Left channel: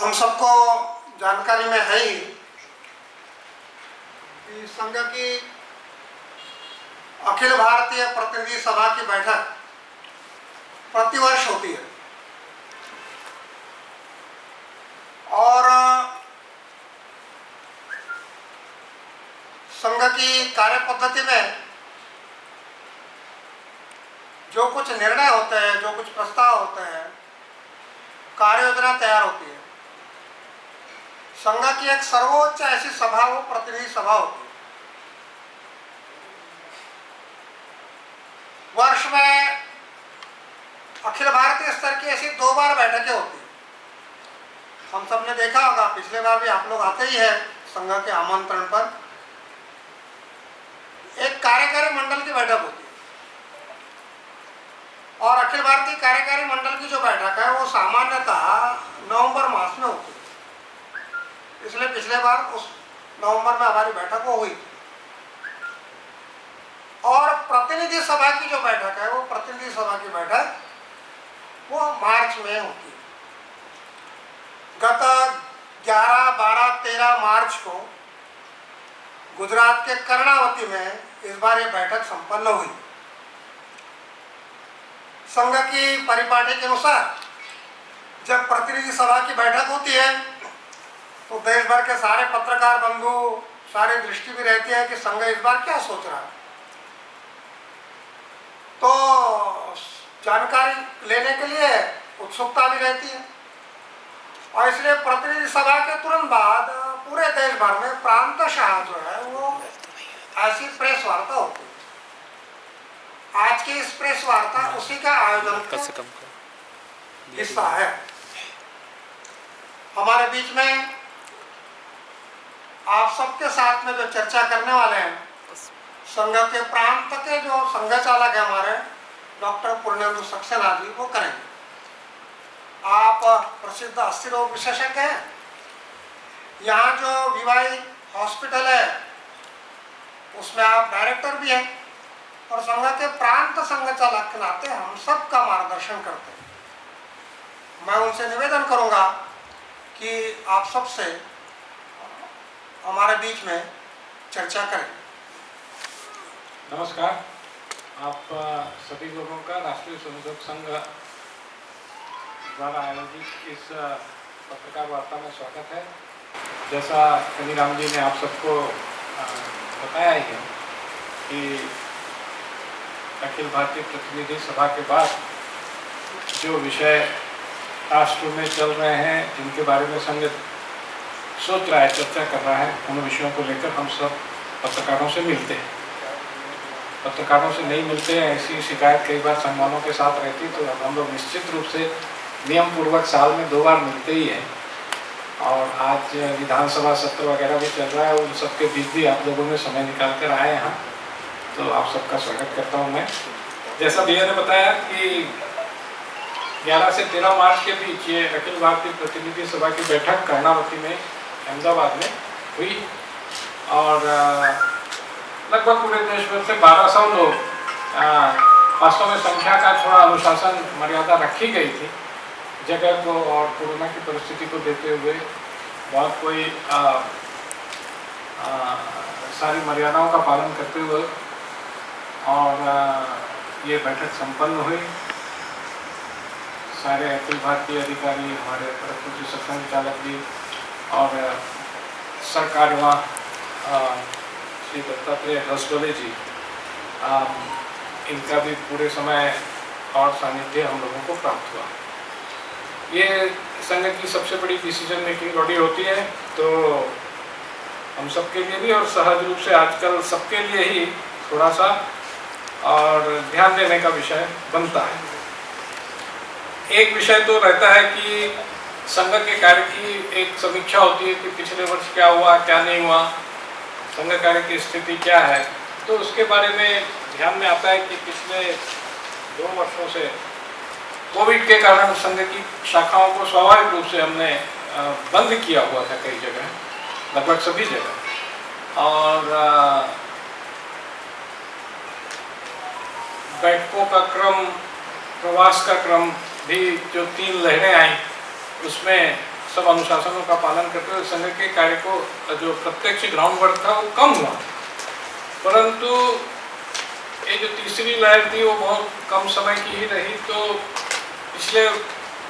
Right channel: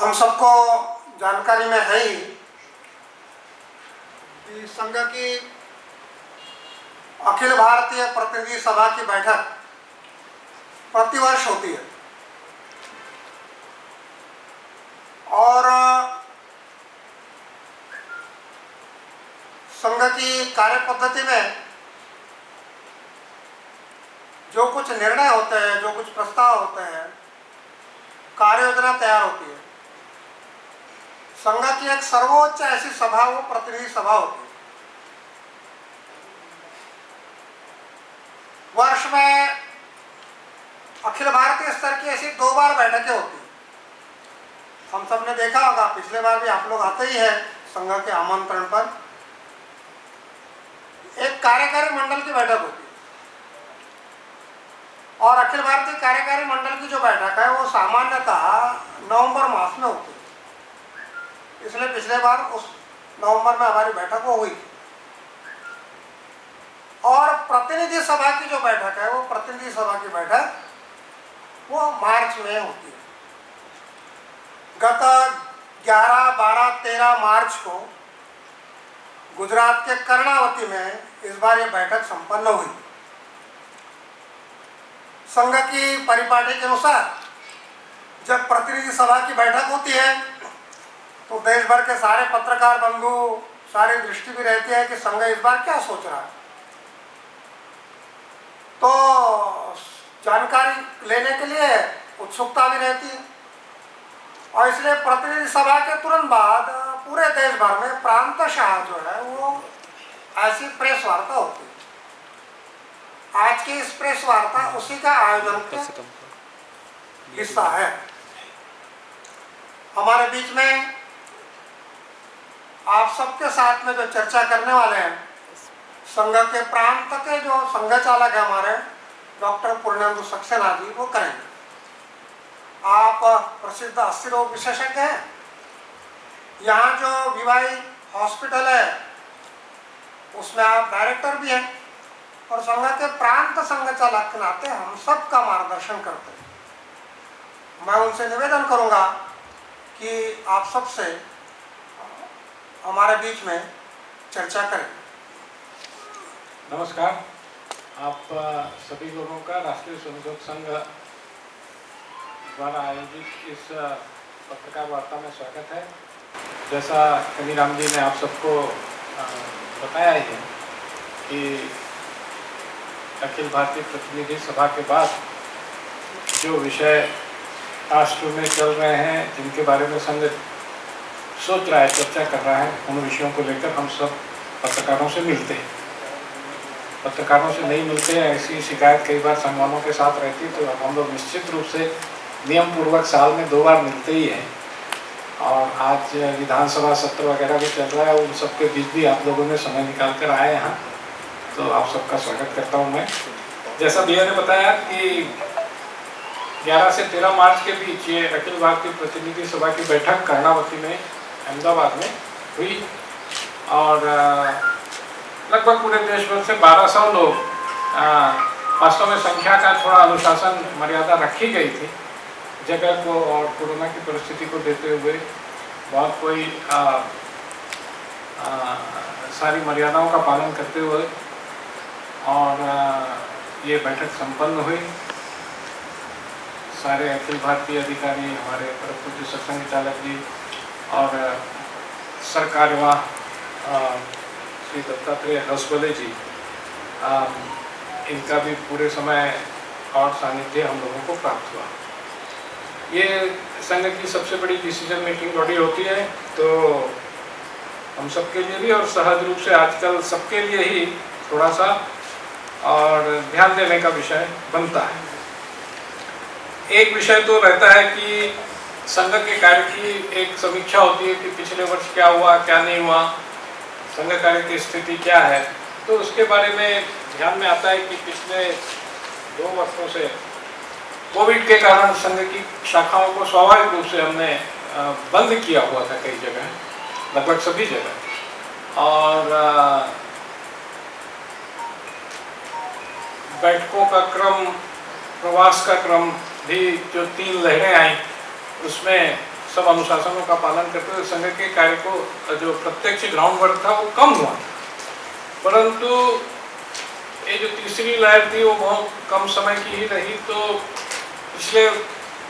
हम सबको जानकारी में है ही कि संघ की अखिल भारतीय प्रतिनिधि सभा की बैठक प्रतिवर्ष होती है और संघ की कार्य पद्धति में जो कुछ निर्णय होते हैं, जो कुछ प्रस्ताव होते हैं, कार्य योजना तैयार होती है। संघ की एक सर्वोच्च ऐसी सभा वो प्रतिनिधि सभा होती है। वर्ष में अखिल भारतीय स्तर की ऐसी 2 बार बैठकें होती है। हम सब ने देखा होगा, पिछले बार भी आप लोग आते ही हैं संघ के आमंत्रण पर। एक कार्यकारी मंडल की बैठक होती है और अखिल भारतीय कार्यकारी मंडल की जो बैठक है वो सामान्यतः नवंबर मास में होती है। इसलिए पिछले बार उस नवंबर में हमारी बैठक वो हुई और प्रतिनिधि सभा की जो बैठक है वो प्रतिनिधि सभा की बैठक वो मार्च में होती है। गत 11, 12, 13 मार्च को गुजरात के कर्णावती में इस बार ये बैठक संपन्न हुई। संघ की परिपाटी के अनुसार जब प्रतिनिधि सभा की बैठक होती है तो देश भर के सारे पत्रकार बंधु, सारी दृष्टि भी रहती है कि संघ इस बार क्या सोच रहा है। तो जानकारी लेने के लिए उत्सुकता भी रहती है और इसलिए प्रतिनिधि सभा के तुरंत बाद पूरे देश भर में प्रांतशः जो है वो ऐसी प्रेस वार्ता होती है। आज की इस प्रेस वार्ता उसी का आयोजन का हिस्सा है। हमारे बीच में आप सबके साथ में जो चर्चा करने वाले हैं, संघ के प्रांत के जो संघ चालक है हमारे डॉक्टर पूर्णेंदु सक्सेना जी, वो करेंगे। आप प्रसिद्ध अस्थि रोग विशेषज्ञ हैं। यहाँ जो वीवाई हॉस्पिटल है उसमें आप डायरेक्टर भी हैं और संघ के प्रांत संघ चालक के नाते हम सबका मार्गदर्शन करते हैं। मैं उनसे निवेदन करूंगा कि आप सबसे हमारे बीच में चर्चा करें। नमस्कार। आप सभी लोगों का राष्ट्रीय स्वयंसेवक संघ द्वारा आयोजित इस पत्रकार वार्ता में स्वागत है। जैसा कनीराम जी ने आप सबको बताया ही है कि अखिल भारतीय प्रतिनिधि सभा के बाद जो विषय राष्ट्र में चल रहे हैं, जिनके बारे में संघ सोच रहा है, चर्चा कर रहा है, उन विषयों को लेकर हम सब पत्रकारों से मिलते हैं। पत्रकारों से नहीं मिलते हैं, ऐसी शिकायत कई बार संगठनों के साथ रहती है, तो हम लोग निश्चित रूप से नियम पूर्वक साल में 2 बार मिलते ही हैं। और आज विधानसभा सत्र वगैरह भी चल रहा है, उन सबके बीच भी आप लोगों ने समय निकाल कर आए यहाँ, तो आप सबका स्वागत करता हूँ मैं। जैसा भैया ने बताया कि 11 से 13 मार्च के बीच ये अखिल भारतीय प्रतिनिधि सभा की बैठक कर्णावती में, अहमदाबाद में हुई और लगभग पूरे देश भर से 1200 लोग, वास्तव में संख्या का थोड़ा अनुशासन मर्यादा रखी गई थी जगह को और कोरोना की परिस्थिति को देते हुए। बहुत कोई सारी मर्यादाओं का पालन करते हुए और ये बैठक संपन्न हुई। सारे अखिल भारतीय अधिकारी, हमारे प्रमुख सक्षम चालक जी और सरकार्यवाह श्री दत्तात्रेय हसबले जी, इनका भी पूरे समय और सानिध्य हम लोगों को प्राप्त हुआ। ये संघ की सबसे बड़ी डिसीजन मेकिंग बॉडी होती है, तो हम सबके लिए भी और सहज रूप से आजकल सबके लिए ही थोड़ा सा और ध्यान देने का विषय बनता है। एक विषय तो रहता है कि संघ के कार्य की एक समीक्षा होती है कि पिछले वर्ष क्या हुआ, क्या नहीं हुआ, संघ कार्य की स्थिति क्या है। तो उसके बारे में ध्यान में आता है कि पिछले 2 वर्षों से कोविड के कारण संघ की शाखाओं को स्वाभाविक रूप से हमने बंद किया हुआ था कई जगह, लगभग सभी जगह। और बैठकों का क्रम, प्रवास का क्रम भी, जो 3 लहरें आई उसमें सब अनुशासनों का पालन करते हुए संघ के कार्य को जो प्रत्यक्ष ग्राउंड वर्क था वो कम हुआ, परंतु ये जो तीसरी लहर थी वो बहुत कम समय की ही रही। तो पिछले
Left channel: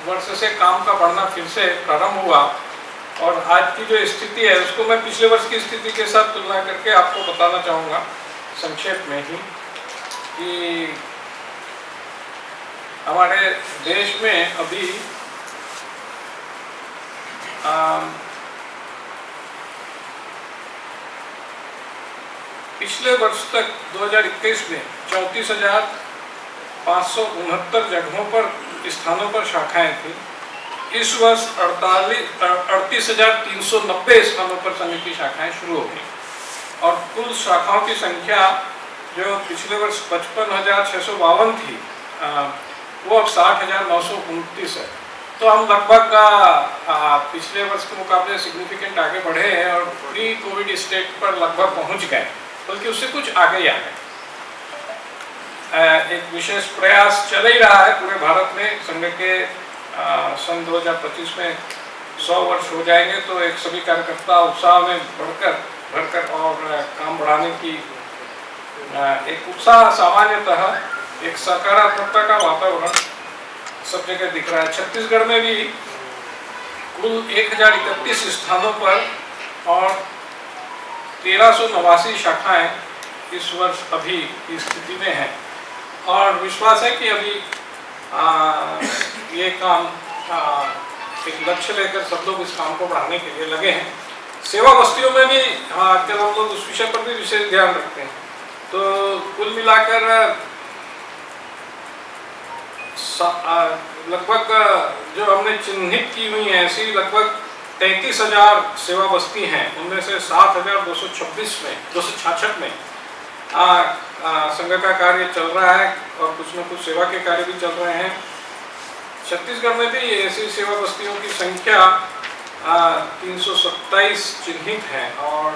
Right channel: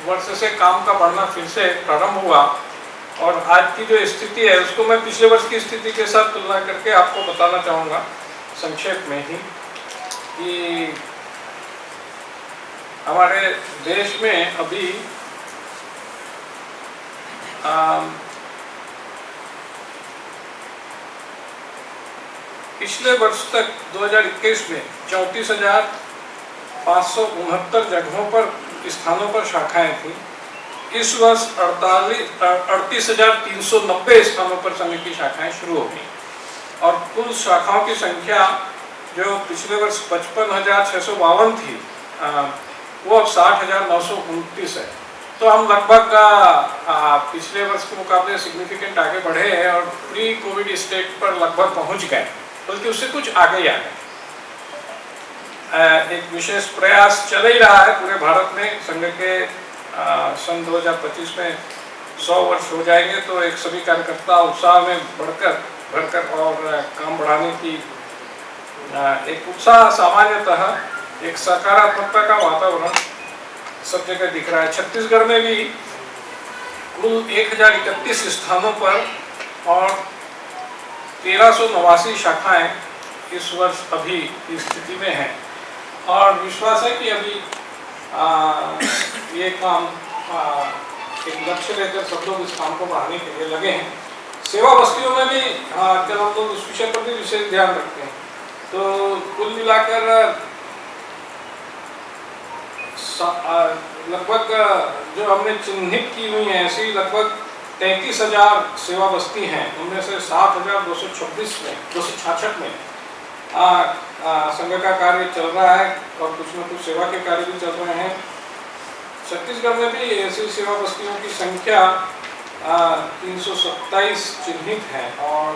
वर्ष से काम का बढ़ना फिर से प्रारंभ हुआ और आज की जो स्थिति है उसको मैं पिछले वर्ष की स्थिति के साथ तुलना करके आपको बताना चाहूँगा संक्षेप में ही कि हमारे देश में अभी पिछले वर्ष तक 2021 में 34,569 जगहों पर स्थानों पर शाखाएं थी। इस वर्ष 38,390 स्थानों पर संघ की शाखाएं शुरू हो गई और कुल शाखाओं की संख्या जो पिछले वर्ष 55,652 थी वो अब 60,929 है। तो हम लगभग पिछले वर्ष के मुकाबले सिग्निफिकेंट आगे बढ़े हैं और प्री कोविड स्टेट पर लगभग पहुंच गए, बल्कि उससे कुछ आगे ही आ गए। एक विशेष प्रयास चल ही रहा है पूरे भारत में। संघ के सन 2025 में 100 वर्ष हो जाएंगे तो एक सभी कार्यकर्ता उत्साह में बढ़कर और काम बढ़ाने की एक उत्साह सामान्यतः एक सकारात्मकता का वातावरण सब जगह दिख रहा है। छत्तीसगढ़ में भी कुल 1031 स्थानों पर और 1389 शाखाएं इस वर्ष अभी की स्थिति में हैं और विश्वास है कि अभी ये काम एक लक्ष्य लेकर सब लोग इस काम को बढ़ाने के लिए लगे हैं। सेवा बस्तियों में भी आजकल हम लोग उस विषय पर भी विशेष ध्यान रखते हैं। तो कुल मिलाकर लगभग जो हमने चिन्हित की हुई है ऐसी लगभग 33,000 सेवा बस्ती हैं। उनमें से 7,266 में संघ का कार्य चल रहा है और कुछ न कुछ सेवा के कार्य भी चल रहे हैं। छत्तीसगढ़ में भी ऐसी सेवा बस्तियों की संख्या 327 चिन्हित है और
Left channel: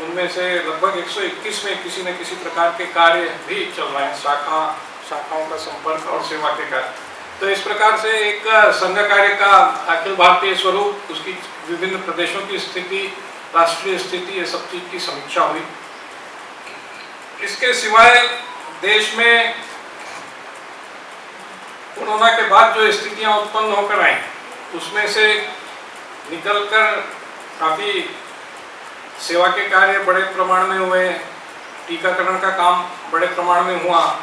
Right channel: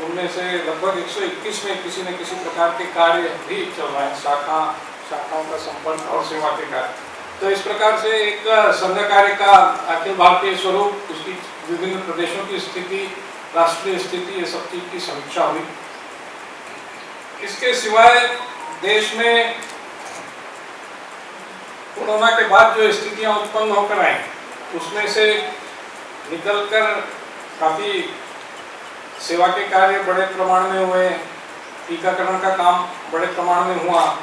उनमें से लगभग 121 में किसी न किसी प्रकार के कार्य भी चल रहे हैं, शाखाओं का संपर्क और सेवा के कार्य। तो इस प्रकार से एक संघ कार्य का अखिल भारतीय स्वरूप, उसकी विभिन्न प्रदेशों की स्थिति, राष्ट्रीय स्थिति, ये सब चीज की समीक्षा हुई। इसके सिवाय देश में कोरोना के बाद जो स्थितियां उत्पन्न होकर आई उसमें से निकलकर काफी सेवा के कार्य बड़े प्रमाण में हुए, टीकाकरण का काम बड़े प्रमाण में हुआ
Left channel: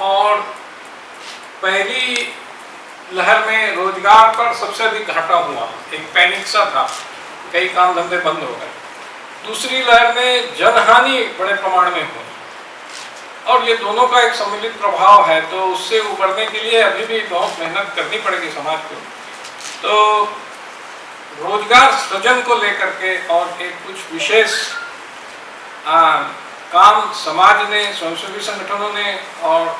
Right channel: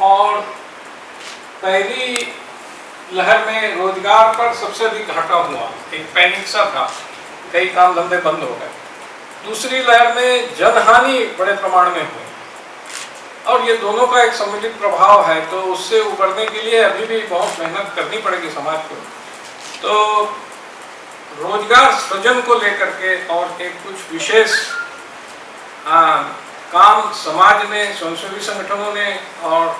और पहली लहर में रोजगार पर सबसे अधिक घाटा हुआ, एक पैनिक सा था, कई काम धंधे बंद हो गए। दूसरी लहर में जनहानि बड़े प्रमाण में हुई और ये दोनों का एक सम्मिलित प्रभाव है। तो उससे उबरने के लिए अभी भी बहुत मेहनत करनी पड़ेगी समाज को। तो रोजगार सृजन को लेकर के और एक कुछ विशेष काम समाज ने, स्वयंसेवी संगठनों ने और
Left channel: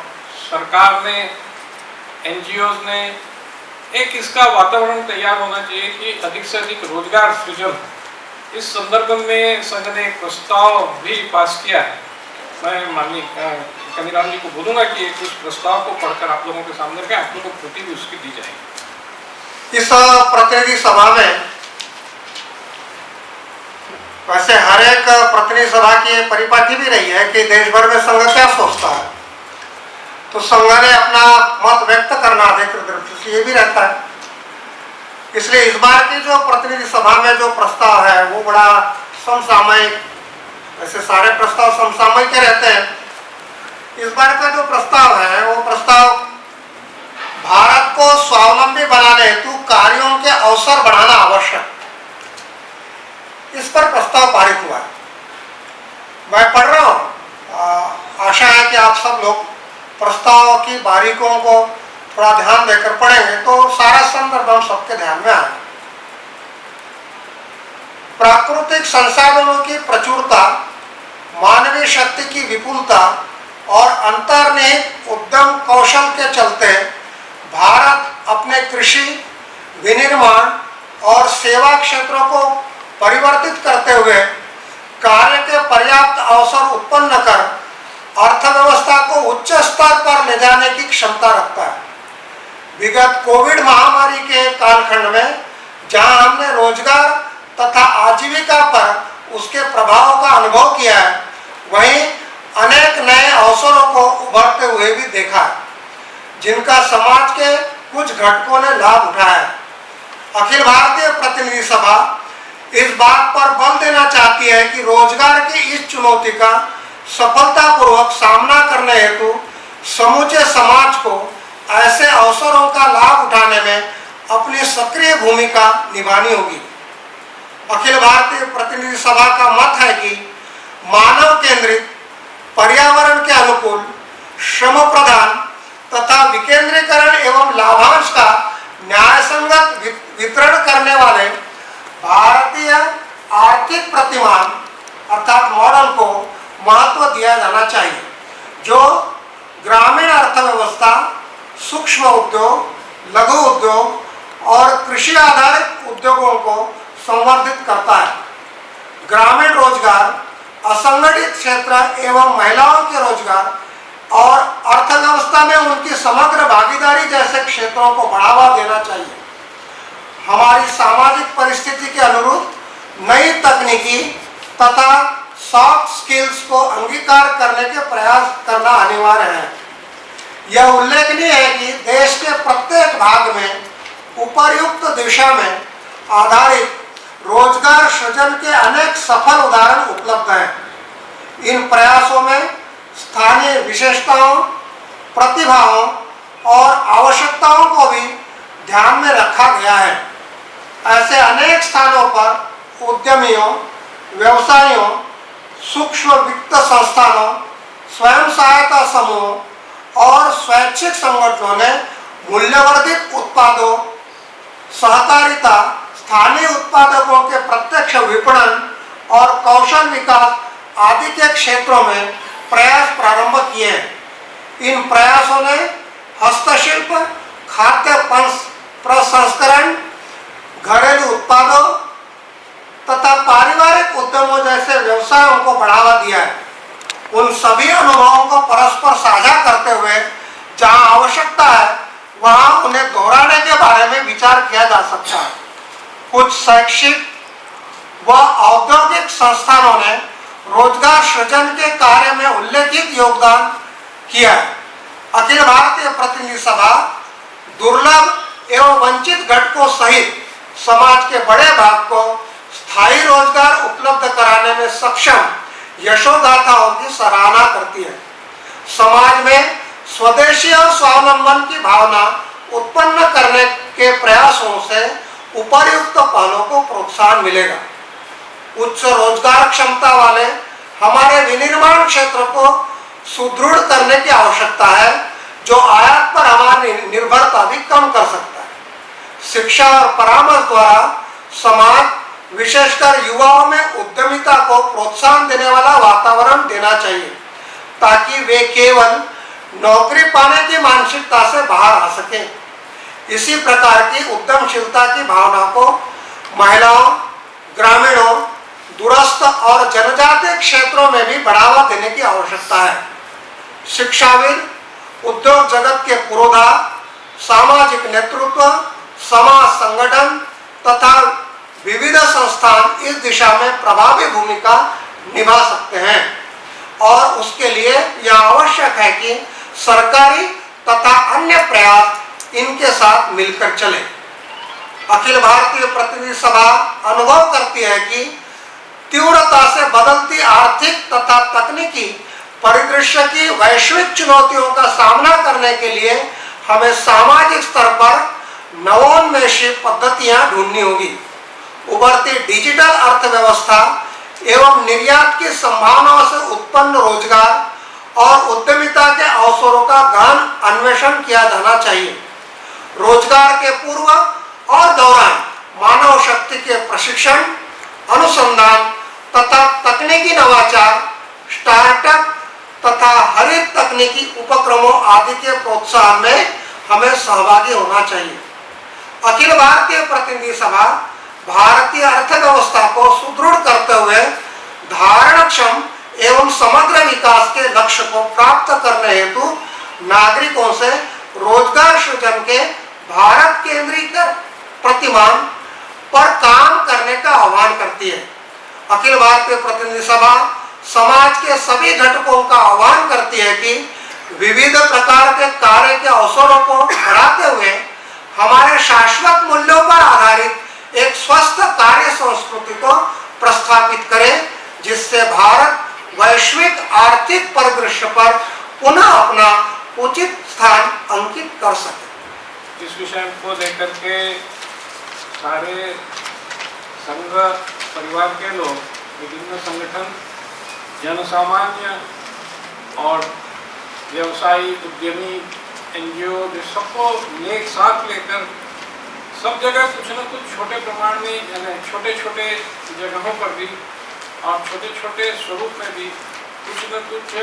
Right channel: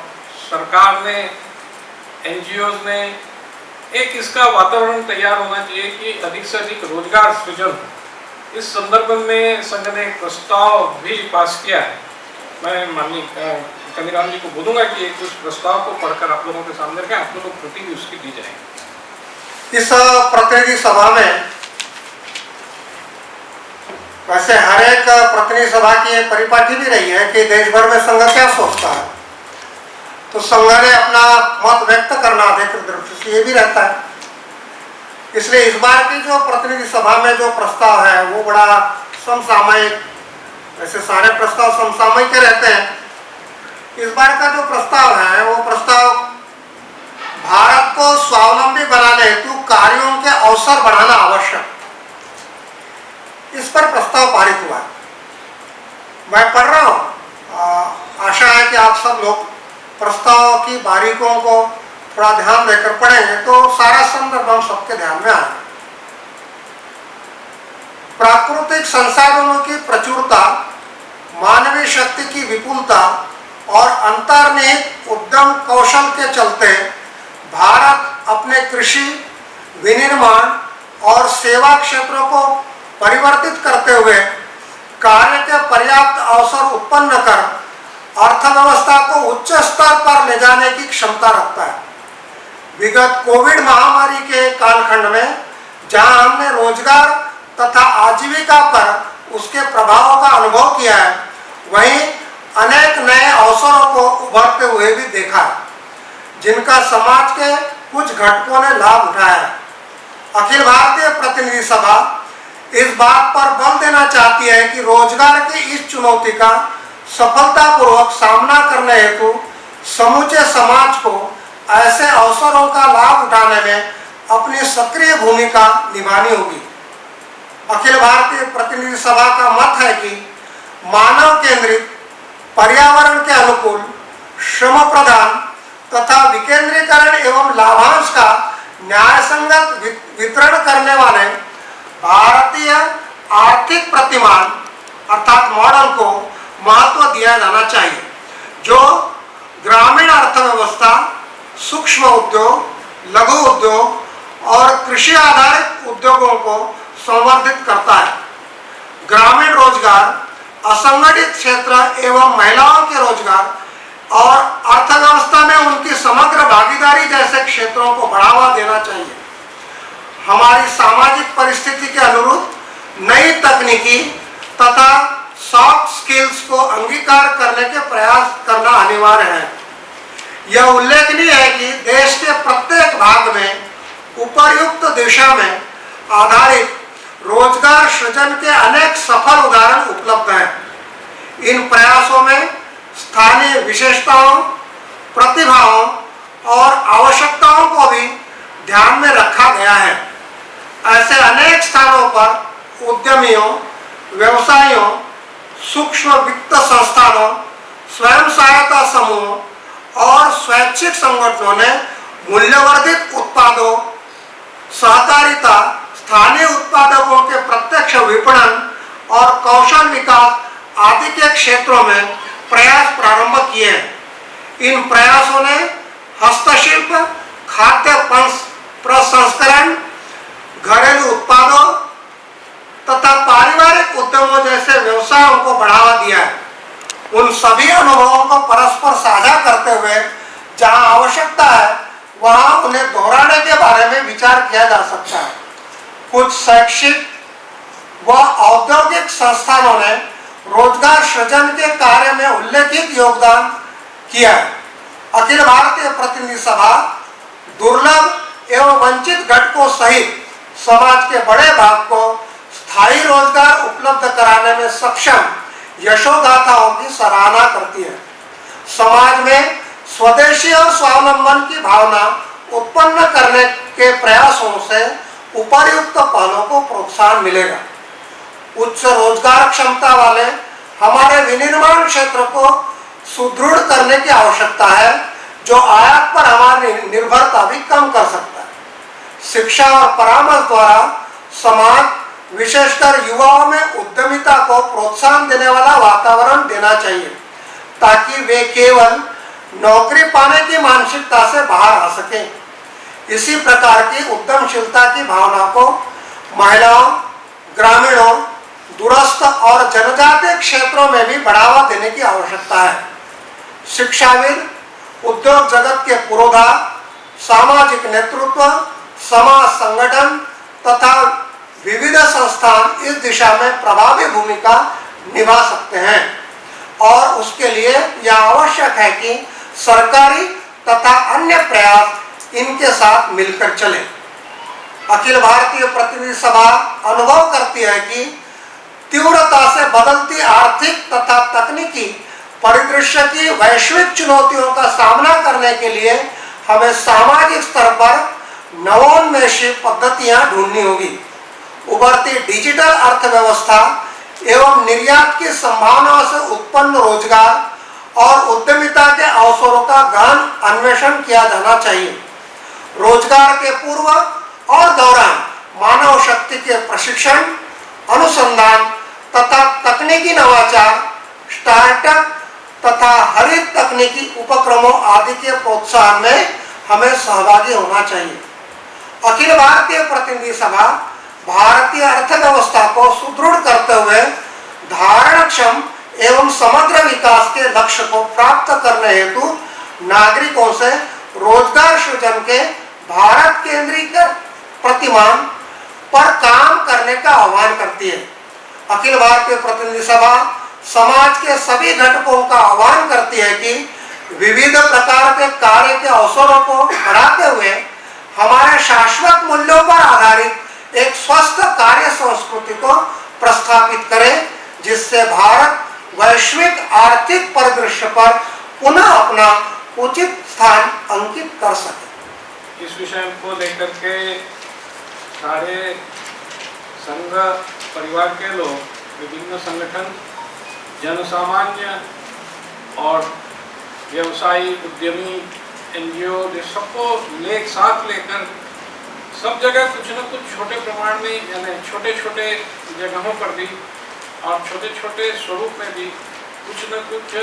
सरकार ने, NGOs ने एक इसका वातावरण तैयार होना चाहिए कि अधिक से अधिक रोजगार सृजन। इस संदर्भ में संघ ने एक प्रस्ताव भी पास किया है। मैं माननीय कनीराम जी को बोलूंगा कि एक उस प्रस्ताव को पढ़कर आप लोगों के सामने रखें, आप लोगों को कृति भी उसकी दी जाएगी। इस प्रतिनिधि सभा में वैसे हर एक प्रतिनिधि सभा की ये परिपाटी भी रही है कि देश भर में संघ क्या सोचता है, तो संघ ने अपना मत व्यक्त करना अधिकृत दृष्टि से ये भी रहता है। इसलिए इस बार की जो प्रतिनिधि सभा में जो प्रस्ताव है वो बड़ा समसामयिक, वैसे सारे प्रस्ताव समसामयिक रहते हैं। इस बार का जो प्रस्ताव है वो प्रस्ताव भारत को स्वावलंबी बनाने हेतु कार्यों के अवसर बढ़ाना आवश्यक, इस पर प्रस्ताव पारित हुआ है। मैं पढ़ रहा हूँ, आशा है कि आप सब लोग प्रस्ताव की बारीकों को थोड़ा ध्यान देकर पढ़ेंगे तो सारा संदर्भ हम सबके ध्यान में आएगा। प्राकृतिक संसाधनों की प्रचुरता, मानवीय शक्ति की विपुलता और अंतर्निहित उद्यम कौशल के चलते भारत अपने कृषि, विनिर्माण और सेवा क्षेत्रों को परिवर्तित करते हुए कार्य के पर्याप्त अवसर उत्पन्न कर अर्थव्यवस्था को उच्च स्तर पर ले जाने की क्षमता रखता है। विगत कोविड महामारी के कालखंड में जहां हमने रोजगार तथा आजीविका पर उसके प्रभाव का अनुभव किया है, वहीं अनेक नए अवसरों को उभरते हुए भी देखा है, जिनका समाज के कुछ घटकों ने लाभ उठाया है। अखिल भारतीय प्रतिनिधि सभा इस बात पर बल देना चाहती है कि रोजगार की इस चुनौती का सफलतापूर्वक सामना करने हेतु समूचे समाज को ऐसे अवसरों का लाभ उठाने में अपनी सक्रिय भूमिका निभानी होगी। अखिल भारतीय प्रतिनिधि सभा का मत है कि मानव केंद्रित, पर्यावरण के अनुकूल, श्रम प्रधान तथा विकेंद्रीकरण एवं लाभांश का न्यायसंगत वितरण करने वाले भारतीय आर्थिक प्रतिमान अर्थात मॉडल को महत्व दिया जाना चाहिए, जो ग्रामीण अर्थव्यवस्था, सूक्ष्म उद्योग, लघु उद्योग और कृषि आधारित उद्योगों को संवर्धित करता है। ग्रामीण रोजगार, असंगठित क्षेत्र एवं महिलाओं के रोजगार और अर्थव्यवस्था में उनकी समग्र भागीदारी जैसे क्षेत्रों को बढ़ावा देना चाहिए। हमारी सामाजिक परिस्थिति के अनुरूप नई तकनीकी तथा सॉफ्ट स्किल्स को अंगीकार करने के प्रयास करना अनिवार्य है। यह उल्लेखनीय है कि देश के प्रत्येक भाग में उपर्युक्त दिशा में आधारित रोजगार सृजन के अनेक सफल उदाहरण उपलब्ध हैं। इन प्रयासों में स्थानीय विशेषताओं, प्रतिभाओं और आवश्यकताओं को भी ध्यान में रखा गया है। ऐसे अनेक स्थानों पर उद्यमियों, व्यवसायियों, सूक्ष्म वित्त संस्थानों, स्वयं सहायता समूहों और स्वैच्छिक संगठनों ने मूल्यवर्धित उत्पादों, सहकारिता, स्थानीय उत्पादकों के प्रत्यक्ष विपणन और कौशल विकास आदि के क्षेत्रों में प्रयास प्रारंभ किए हैं। इन प्रयासों ने हस्तशिल्प, खाद्य प्रसंस्करण, घरेलू उत्पादों तथा पारिवारिक उद्यमों जैसे व्यवसायों को बढ़ावा दिया है। उन सभी अनुभवों को परस्पर साझा करते हुए जहां आवश्यकता है वहां उन्हें दोहराने के बारे में विचार किया जा सकता है। कुछ शैक्षिक व औद्योगिक संस्थानों ने रोजगार सृजन के कार्य में उल्लेखित योगदान किया है। अखिल भारतीय प्रतिनिधि सभा दुर्लभ एवं वंचित घटकों सहित समाज के बड़े भाग को स्थायी रोजगार उपलब्ध कराने में सक्षम यशोगाथाओं की सराहना करती है। समाज में स्वदेशी और स्वावलंबन की भावना उत्पन्न करने के प्रयासों से उपर्युक्त पहलों को प्रोत्साहन मिलेगा। उच्च रोजगार क्षमता वाले हमारे विनिर्माण क्षेत्र को सुदृढ़ करने की आवश्यकता है, जो आयात पर हमारी निर्भरता भी कम कर सकता है। शिक्षा और परामर्श द्वारा समाज, विशेषकर युवाओं में उद्यमिता को प्रोत्साहन देने वाला वातावरण देना चाहिए, ताकि वे केवल नौकरी पाने की मानसिकता से बाहर आ सकें। इसी प्रकार की उद्यमशीलता की भावना को महिलाओं, ग्रामीणों, दूरस्थ और जनजातीय क्षेत्रों में भी बढ़ावा देने की आवश्यकता है। शिक्षाविद, उद्योग जगत के पुरोधा, सामाजिक नेतृत्व, समाज संगठन तथा विविध संस्थान इस दिशा में प्रभावी भूमिका निभा सकते हैं और उसके लिए यह आवश्यक है कि सरकारी तथा अन्य प्रयास इनके साथ मिलकर चले। अखिल भारतीय प्रतिनिधि सभा अनुभव करती है कि तीव्रता से बदलती आर्थिक तथा तकनीकी परिदृश्य की वैश्विक चुनौतियों का सामना करने के लिए हमें सामाजिक स्तर पर नवोन्मेषी पद्धतियां ढूंढनी होगी। उभरती डिजिटल अर्थव्यवस्था एवं निर्यात की संभावनाओं से उत्पन्न रोजगार और उद्यमिता के अवसरों का गहन अन्वेषण किया जाना चाहिए। रोजगार के पूर्व और दौरान मानव शक्ति के प्रशिक्षण, अनुसंधान तथा तकनीकी नवाचार, स्टार्टअप तथा हरित तकनीकी उपक्रमों आदि के प्रोत्साहन में हमें सहभागी होना चाहिए। अखिल भारतीय प्रतिनिधि सभा भारतीय अर्थव्यवस्था को सुदृढ़ करते हुए धारणक्षम एवं समग्र विकास के लक्ष्य को प्राप्त करने हेतु नागरिकों से रोजगार सृजन के भारत केंद्रीकृत प्रतिमान पर काम करने का आह्वान करती है। अखिल भारतीय प्रतिनिधि सभा समाज के सभी घटकों का आह्वान करती है कि विविध प्रकार के कार्य के अवसरों को बढ़ाते हुए हमारे शाश्वत मूल्यों पर आधारित एक स्वस्थ कार्य संस्कृति को प्रस्थापित करें, जिससे भारत वैश्विक आर्थिक परिदृश्य पर पुनः अपना उचित स्थान अंकित कर सके। इस विषय को लेकर के सारे संघ परिवार के लोग, विभिन्न संगठन, जनसामान्य और व्यवसायी, उद्यमी, एनजीओ, सबको एक साथ लेकर सब जगह कुछ न कुछ छोटे प्रमाण में, यानी छोटे छोटे जगहों पर भी और छोटे छोटे स्वरूप में भी कुछ न कुछ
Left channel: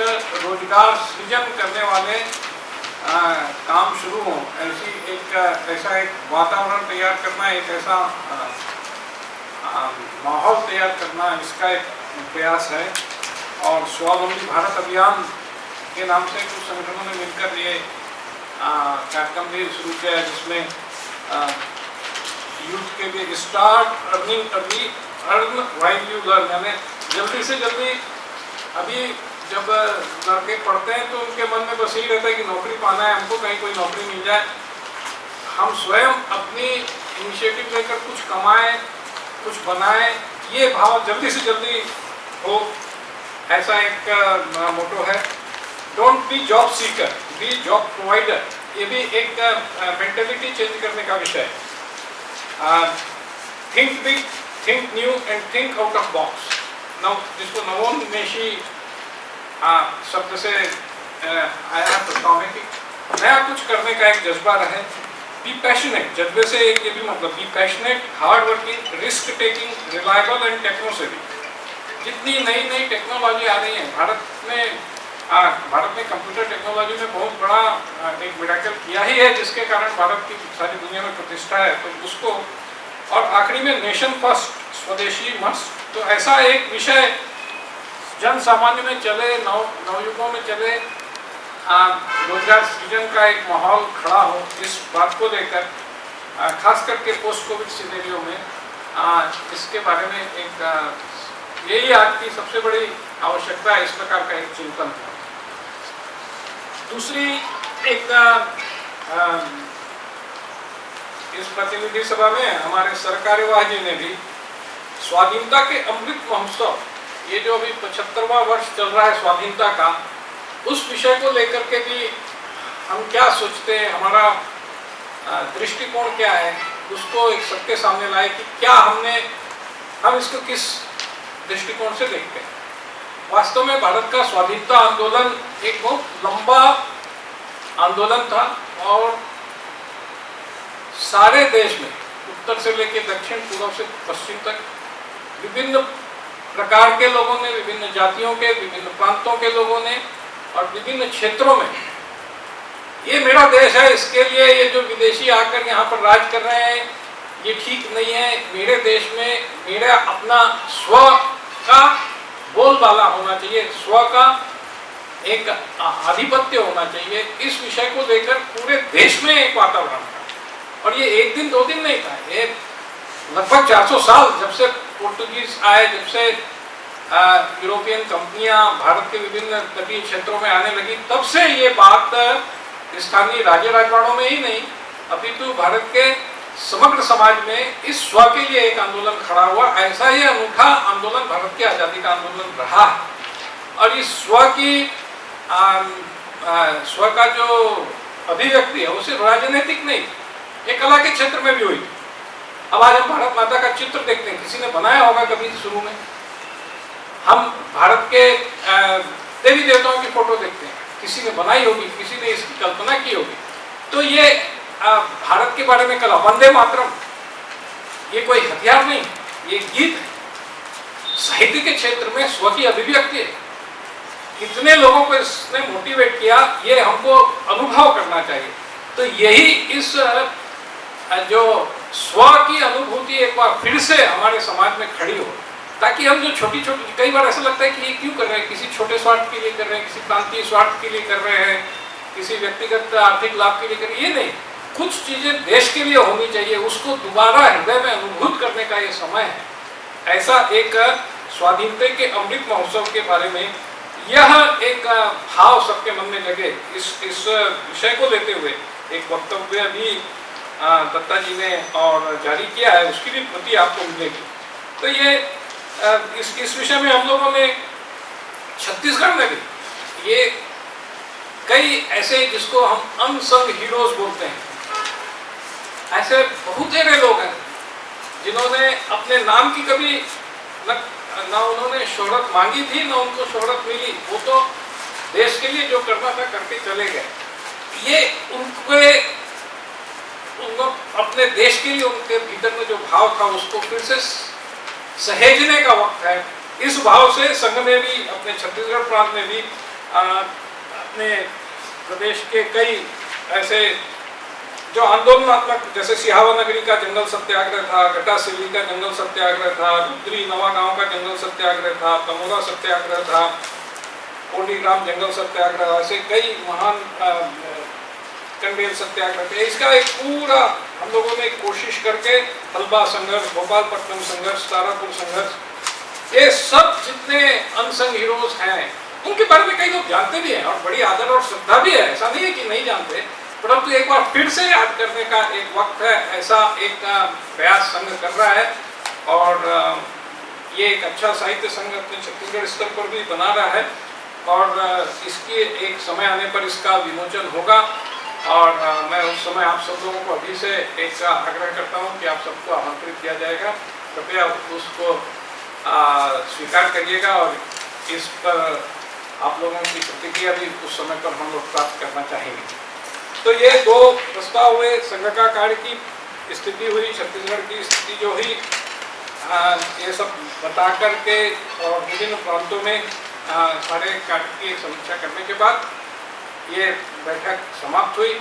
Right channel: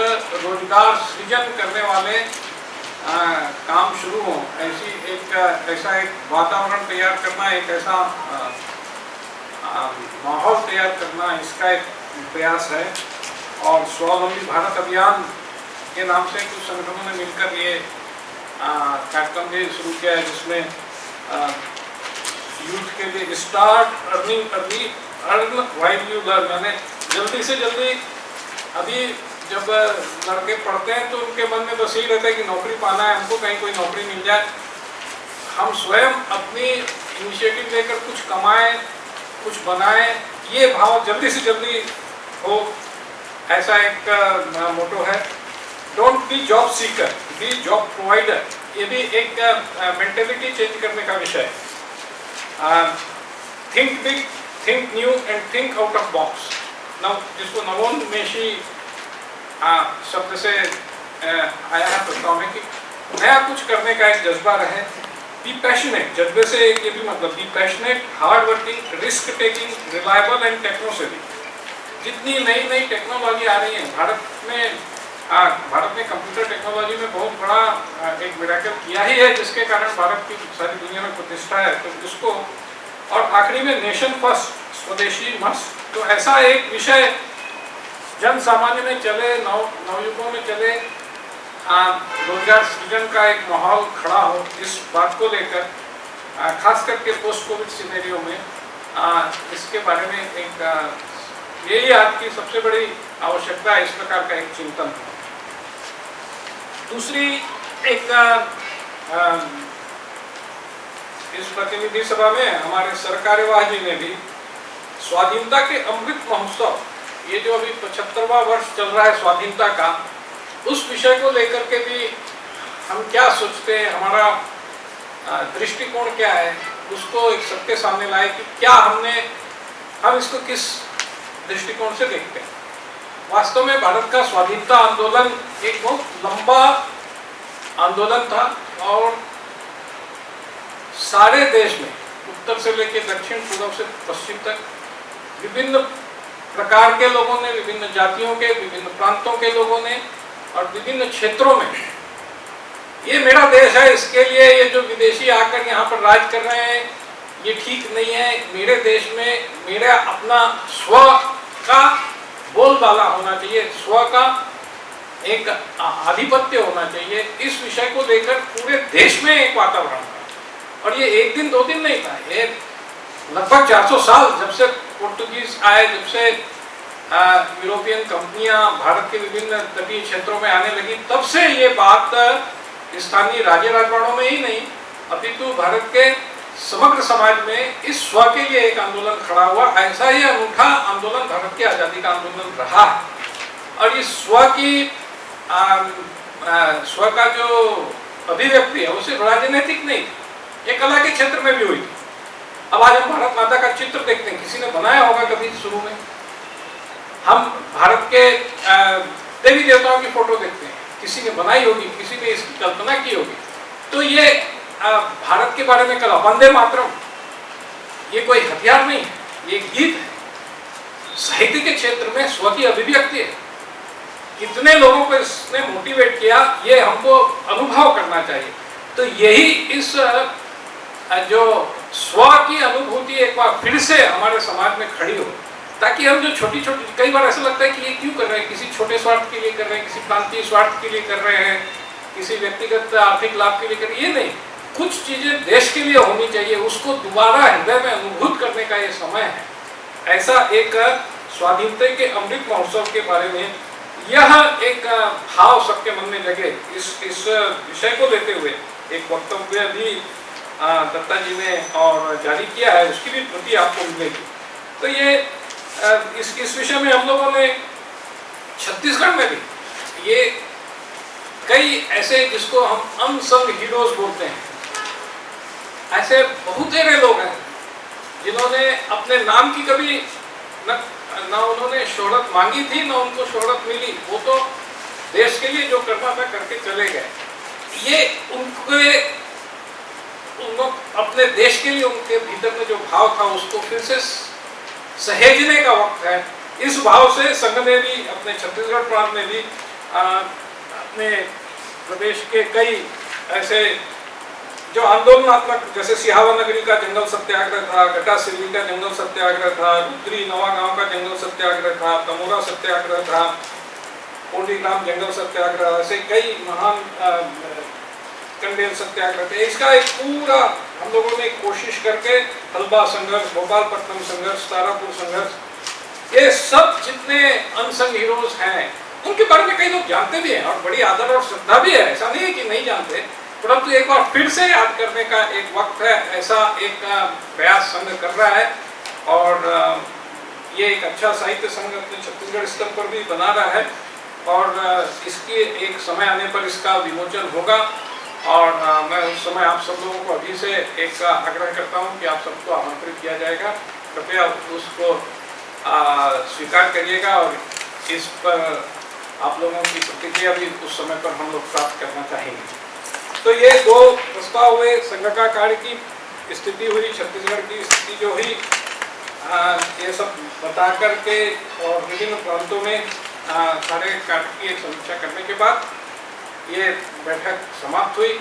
रोजगार सृजन करने वाले काम शुरू हों, ऐसा एक वातावरण तैयार करना, एक ऐसा माहौल तैयार करना, इसका एक प्रयास है। और स्वावलंबी भारत अभियान के नाम से कुछ संगठनों ने मिलकर ये कार्यक्रम भी शुरू किया है, जिसमें यूथ के लिए start earning early, earn while you learn, यानी जल्दी से जल्दी। अभी जब लड़के पढ़ते हैं तो उनके मन में बस यही रहता है कि नौकरी पाना है, हमको कहीं कोई नौकरी मिल जाए। हम स्वयं अपनी इनिशिएटिव लेकर कुछ कमाएं, कुछ बनाएं, ये भाव जल्दी से जल्दी हो, ऐसा एक मोटो है। Don't be job seeker, be job provider, ये भी एक मेंटेलिटी चेंज करने का विषय है। Think big, think new and think out of box. जिसको नवोन्मेषी शब्द से आया है प्रस्ताव में कि नया कुछ करने का एक जज्बा रहे। बी पैशनेट, जज्बे से एक ये भी मतलब be passionate, hard working, risk taking, reliable and techno savvy. जितनी नई नई टेक्नोलॉजी आ रही है भारत ने कंप्यूटर टेक्नोलॉजी में बहुत बड़ा एक मिरेकल किया ही है, जिसके कारण भारत की सारी दुनिया में प्रतिष्ठा है। तो उसको, और आखिरी में नेशन फर्स्ट, स्वदेशी मस्त। तो ऐसा एक विषय जन सामान्य में चले, नवयुगों में चले, रोजगार सृजन का एक माहौल खड़ा हो, इस बात को लेकर खास करके पोस्ट कोविड सिनेरियो में इसके बारे में एक यही आज की सबसे बड़ी आवश्यकता है, इस प्रकार का एक चिंतन है। दूसरी एक इस प्रतिनिधि सभा में हमारे सरकार्यवाह जी ने भी स्वाधीनता के अमृत महोत्सव, ये जो अभी 75वां वर्ष चल रहा है स्वाधीनता का, उस विषय को लेकर के भी हम क्या सोचते हैं, हमारा दृष्टिकोण क्या है, उसको एक सबके सामने लाए कि क्या हम इसको किस दृष्टिकोण से देखते हैं। वास्तव में भारत का स्वाधीनता आंदोलन एक बहुत लंबा आंदोलन था और सारे देश में उत्तर से लेकर दक्षिण, पूर्व से पश्चिम तक विभिन्न प्रकार के लोगों ने, विभिन्न जातियों के, विभिन्न प्रांतों के लोगों ने और विभिन्न क्षेत्रों में, ये मेरा देश है, इसके लिए ये जो विदेशी आकर यहाँ पर राज कर रहे हैं ये ठीक नहीं है, मेरे देश में मेरा अपना स्व का बोलबाला होना चाहिए, स्व का एक आधिपत्य होना चाहिए। इस विषय को लेकर पूरे देश में एक वातावरण था और ये एक दिन दो दिन नहीं था, ये लगभग 400 साल, जब से पोर्टुगीज आए, जब से यूरोपियन कंपनियां भारत के विभिन्न तटीय क्षेत्रों में आने लगी, तब से ये बात स्थानीय राज्य राजवाड़ों में ही नहीं अपितु भारत के समग्र समाज में इस स्व के लिए एक आंदोलन खड़ा हुआ। ऐसा ही अनूठा आंदोलन भारत की आज़ादी का आंदोलन रहा है और इस स्व का जो अभिव्यक्ति है वो सिर्फ राजनीतिक नहीं, ये कला के क्षेत्र में भी हुई। अब आज हम भारत माता का चित्र देखते हैं, किसी ने बनाया होगा कभी शुरू में, हम भारत के देवी देवताओं की फोटो देखते हैं, किसी ने बनाई होगी, किसी ने इसकी कल्पना की होगी। तो ये भारत के बारे में कला, वंदे मातरम, ये कोई हथियार नहीं, ये गीत है। साहित्य के क्षेत्र में स्व की अभिव्यक्ति है। कितने लोगों को इसने मोटिवेट किया, ये हमको अनुभव करना चाहिए। तो यही इस जो स्व की अनुभूति एक बार फिर से हमारे समाज में खड़ी हो, ताकि हम जो छोटी छोटी, कई बार ऐसा लगता है कि ये क्यों कर रहे हैं, किसी छोटे स्वार्थ के लिए कर रहे हैं, किसी प्रांतीय स्वार्थ के लिए कर रहे हैं, किसी व्यक्तिगत आर्थिक लाभ के लिए कर रहे हैं, ये नहीं। कुछ चीजें देश के लिए होनी चाहिए, उसको दोबारा हृदय में अनुभूत करने का ये समय है। ऐसा एक स्वाधीनता के अमृत महोत्सव के बारे में यह एक भाव सबके मन में जगे, इस विषय को लेते हुए एक वक्तव्य भी दत्ता जी ने और जारी किया है, उसकी भी प्रति आपको मिलेगी। तो ये इस विषय में हम लोगों ने छत्तीसगढ़ में भी ये कई ऐसे जिसको हम अनसंग हीरोज बोलते हैं, ऐसे बहुत सारे लोग हैं जिन्होंने अपने नाम की कभी न उन्होंने शोहरत मांगी थी न उनको शोहरत मिली, वो तो देश के लिए जो करना था करके चले गए। ये उनको अपने देश के लिए उनके भीतर में जो भाव था उसको फिर से सहेजने का वक्त है। इस भाव से संघ ने भी अपने छत्तीसगढ़ प्रांत में भी अपने प्रदेश के कई ऐसे जो आंदोलनात्मक, जैसे सिहावा नगरी का जंगल सत्याग्रह था, गटासिल्ली का जंगल सत्याग्रह था, रुद्री नवागांव का जंगल सत्याग्रह था, तमोरा सत्याग्रह था, कोंडीग्राम जंगल सत्याग्रह, ऐसे कई महान कंडेल सत्याग्रह थे। इसका एक पूरा हम लोगों ने कोशिश करके हल्बा संघर्ष, भोपालपट्टनम संघर्ष, तारापुर संघर्ष, ये सब जितने अनसंग हीरोज हैं उनके बारे में कई लोग जानते भी हैं और बड़ी आदर और श्रद्धा भी है, ऐसा नहीं है कि नहीं जानते, परंतु एक बार फिर से याद करने का एक वक्त है। ऐसा एक प्रयास संघ कर रहा है और ये एक अच्छा साहित्य संघ अपने छत्तीसगढ़ स्तर पर भी बना रहा है और इसके एक समय आने पर इसका विमोचन होगा और मैं उस समय आप सब लोगों को अभी से एक आग्रह करता हूँ कि आप सबको आमंत्रित किया जाएगा, कृपया उसको स्वीकार करिएगा और इस पर आप लोगों की प्रतिक्रिया भी उस समय पर हम लोग प्राप्त करना चाहेंगे। तो ये दो प्रस्ताव हुए, संघ का कार्य की स्थिति हुई, छत्तीसगढ़ की स्थिति जो हुई, ये सब बता करके और विभिन्न प्रांतों में सारे कार्य की एक समीक्षा करने के बाद ये बैठक समाप्त हुई।